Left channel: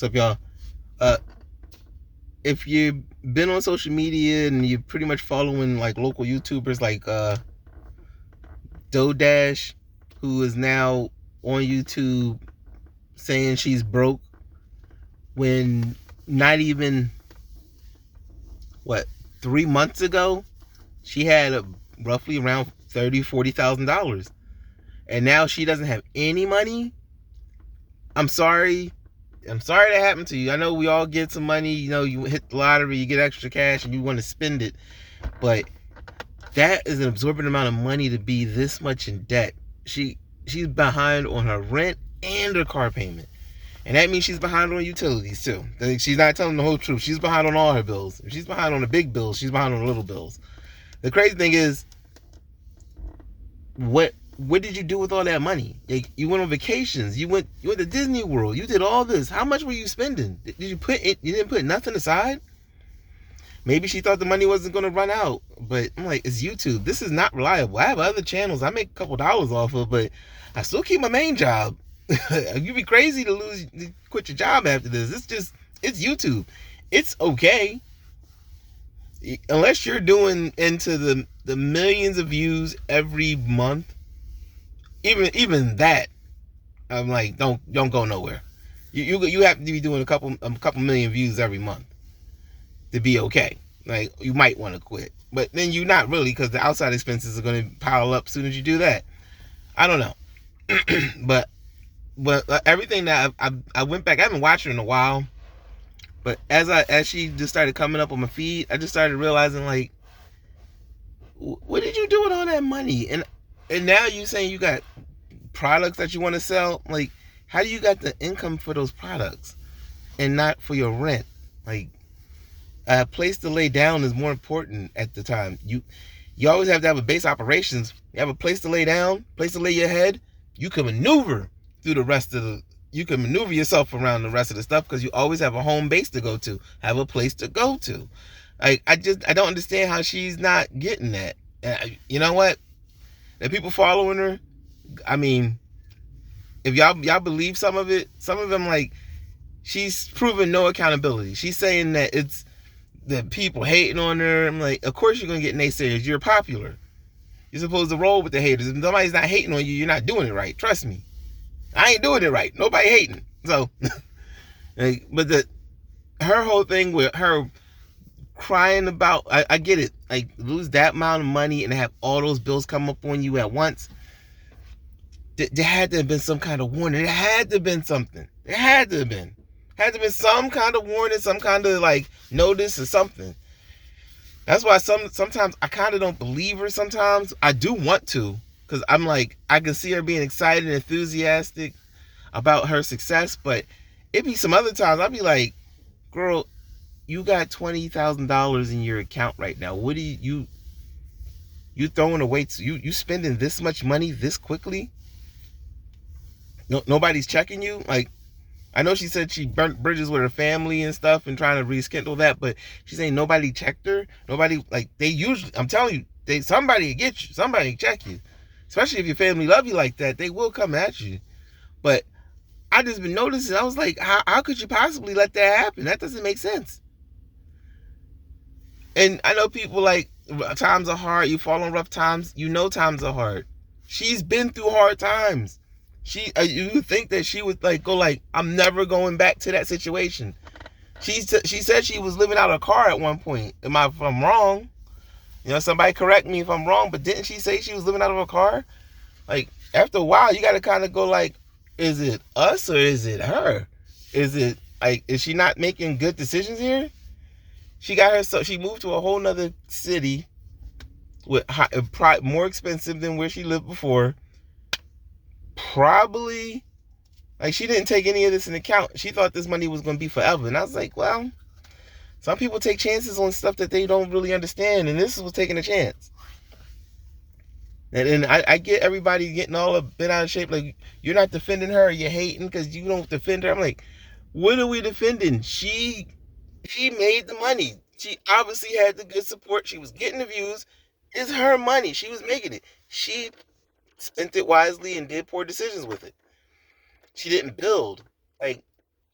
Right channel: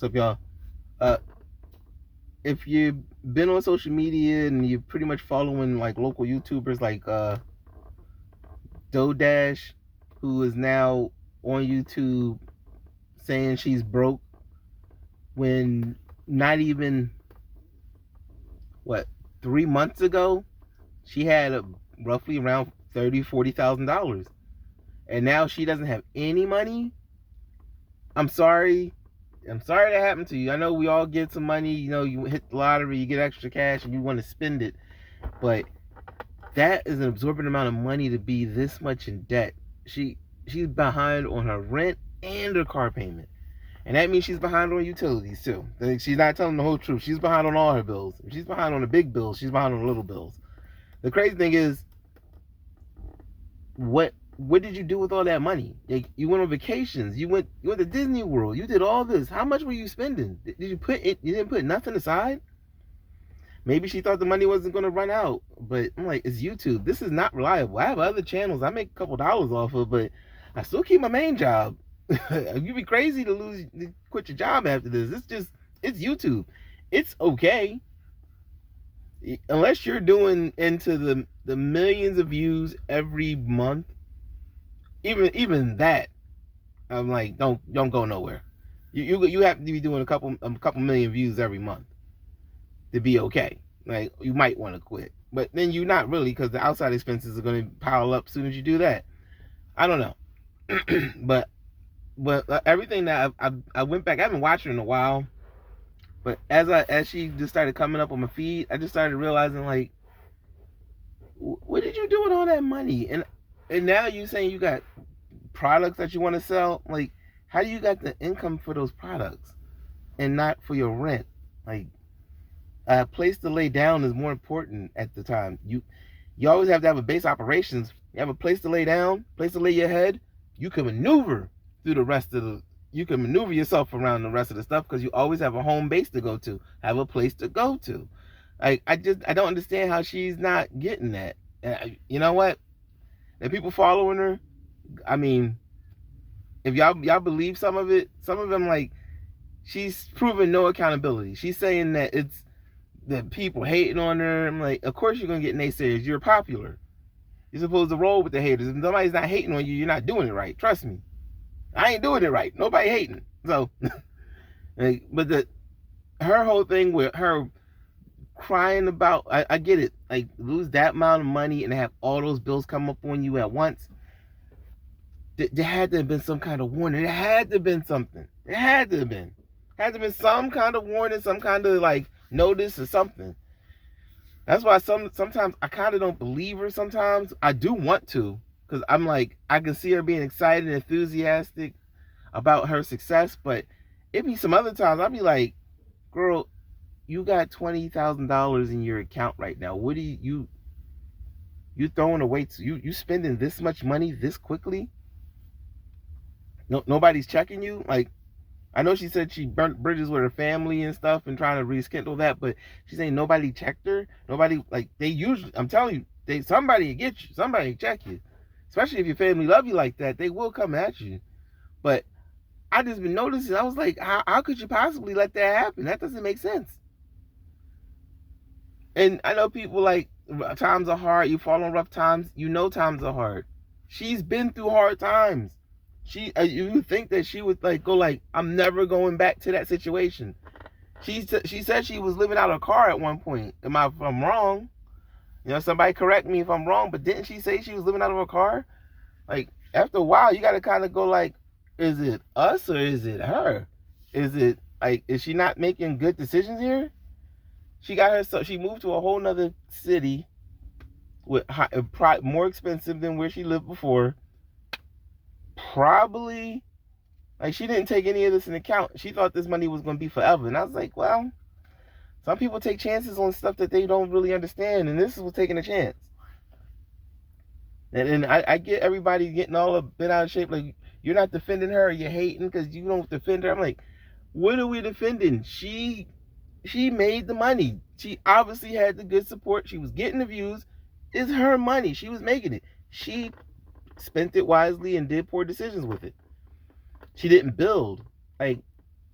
What's up, y'all? Uh, if you've been on social media and you're pretty much following like local YouTubers like Dodash, who is now on YouTube saying she's broke when not even what 3 months ago she had roughly around $40,000, and now she doesn't have any money. I'm sorry that happened to you. I know we all get some money, you hit the lottery, you get extra cash and you want to spend it, but that is an absorbent amount of money to be this much in debt. She's behind on her rent and her car payment, and that means she's behind on utilities too. She's not telling the whole truth. She's behind on all her bills. If she's behind on the big bills, she's behind on the little bills. The crazy thing is, what did you do with all that money? Like, you went on vacations, you went to Disney World, you did all this. How much were you spending? Did you put it? You didn't put nothing aside? Maybe she thought the money wasn't going to run out, but I'm like, it's YouTube. This is not reliable. I have other channels I make a couple dollars off of, but I still keep my main job. You'd be crazy to quit your job after this. It's YouTube. It's okay. Unless you're doing into the millions of views every month, even that, I'm like, don't go nowhere. You have to be doing a couple million views every month to be okay. Like, you might want to quit, but then you're not really, because the outside expenses are going to pile up as soon as you do that. I don't know. but everything that I went back, I haven't watched her in a while, but as she just started coming up on my feed, I just started realizing, like, what did you do with all that money? And now you saying you got products that you want to sell. Like, how do you got the income for those products and not for your rent? Like, a place to lay down is more important at the time. You always have to have a base operations. You have a place to lay down, place to lay your head. You can maneuver through the rest of you can maneuver yourself around the rest of the stuff, because you always have a home base to go to, have a place to go to. Like, I don't understand how she's not getting that. You know what? The people following her, I mean, if y'all believe some of them, like, she's proven no accountability. She's saying that it's the people hating on her. I'm like, of course you're gonna get naysayers. You're popular. You're supposed to roll with the haters. If nobody's not hating on you, you're not doing it right. Trust me. I ain't doing it right. Nobody hating. So, like, but her whole thing with her crying about, I get it. Like, lose that amount of money and have all those bills come up on you at once. There had to have been some kind of warning. There had to have been something. There had to have been. Had to have been some kind of warning, some kind of, like, notice or something. That's why sometimes I kind of don't believe her. Sometimes I do want to, because I'm like, I can see her being excited and enthusiastic about her success, but it be some other times I'll be like, girl, you got $20,000 in your account right now. What do you throwing away? You spending this much money this quickly? No, nobody's checking you. Like, I know she said she burnt bridges with her family and stuff and trying to rekindle that, but she's saying nobody checked her. Nobody, like, they usually, I'm telling you, somebody get you, somebody check you. Especially if your family love you like that, they will come at you. But I just been noticing, I was like, how could you possibly let that happen? That doesn't make sense. And I know people, like, times are hard. You fall on rough times. You know times are hard. She's been through hard times. You think that she would, like, go like, I'm never going back to that situation. She said she was living out her car at one point. If I'm wrong? Somebody correct me if I'm wrong, but didn't she say she was living out of her car? Like, after a while, you got to kind of go like, is it us or is it her? Is it, like, is she not making good decisions here? She moved to a whole nother city with more expensive than where she lived before. Probably, like, she didn't take any of this into account. She thought this money was going to be forever. And I was like, well, some people take chances on stuff that they don't really understand. And this was taking a chance. And I get everybody getting all a bit out of shape. Like, you're not defending her, or you're hating because you don't defend her. I'm like, what are we defending? She made the money. She obviously had the good support. She was getting the views. It's her money. She was making it. She spent it wisely and did poor decisions with it. She didn't build. Like,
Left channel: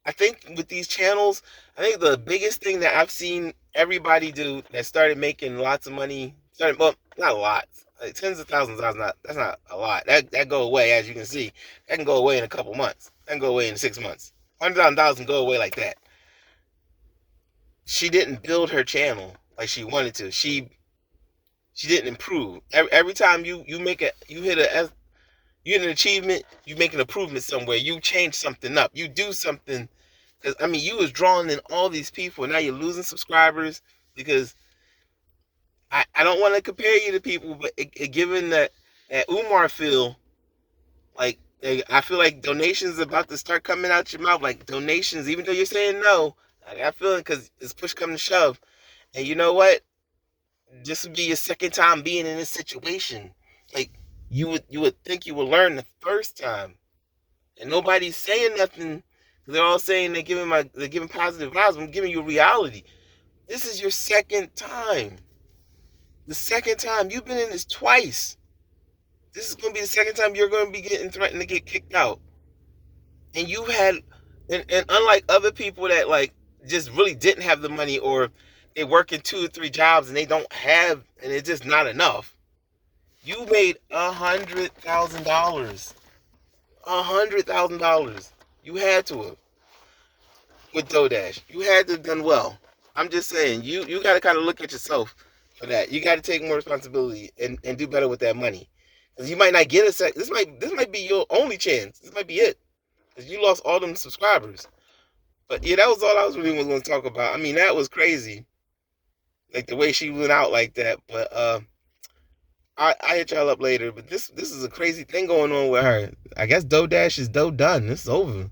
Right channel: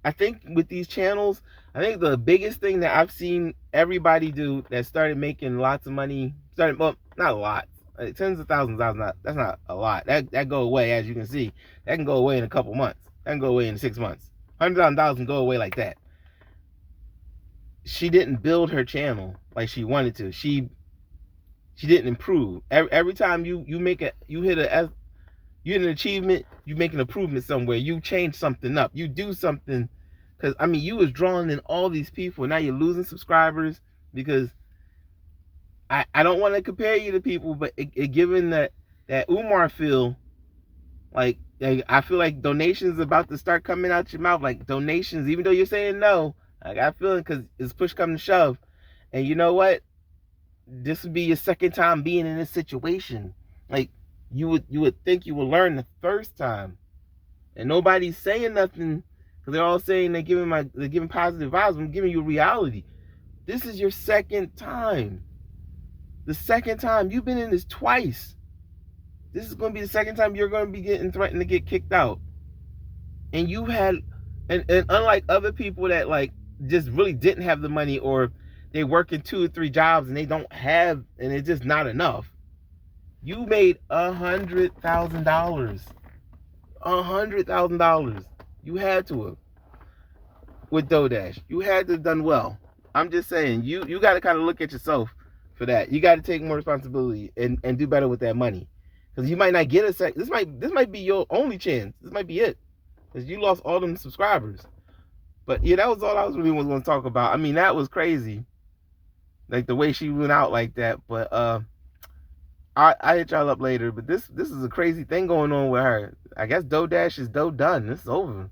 I think with these channels, I think the biggest thing that I've seen everybody do that started making lots of money, well, not a lot, like tens of thousands of dollars, that's not a lot. That go away, as you can see. That can go away in a couple months. That can go away in 6 months. $100,000 can go away like that. She didn't build her channel like she wanted to. She didn't improve. Every time you hit an achievement, you make an improvement somewhere. You change something up. You do something. Because, I mean, you was drawing in all these people. Now you're losing subscribers because I don't want to compare you to people, but given that Umar feel, like I feel like donations about to start coming out your mouth. Like donations, even though you're saying no, I got a feeling because it's push come to shove. And you know what? This would be your second time being in this situation. Like, you would think you would learn the first time. And nobody's saying nothing. They're all saying they're giving positive vibes. I'm giving you reality. This is your second time. The second time. You've been in this twice. This is going to be the second time you're going to be getting threatened to get kicked out. And you had, and unlike other people that like just really didn't have the money, or they work in 2 or 3 jobs and they don't have, and it's just not enough. You made $100,000. $100,000. You had to have. With DoorDash. You had to have done well. I'm just saying, you got to kind of look at yourself for that. You got to take more responsibility and do better with that money. Because you might not get a second. This might be your only chance. This might be it. Because you lost all them subscribers. But yeah, that was all I was really going to talk about. I mean, that was crazy. Like the way she went out like that. But I hit y'all up later. But this is a crazy thing going on with her. I guess DoorDash is done. It's over.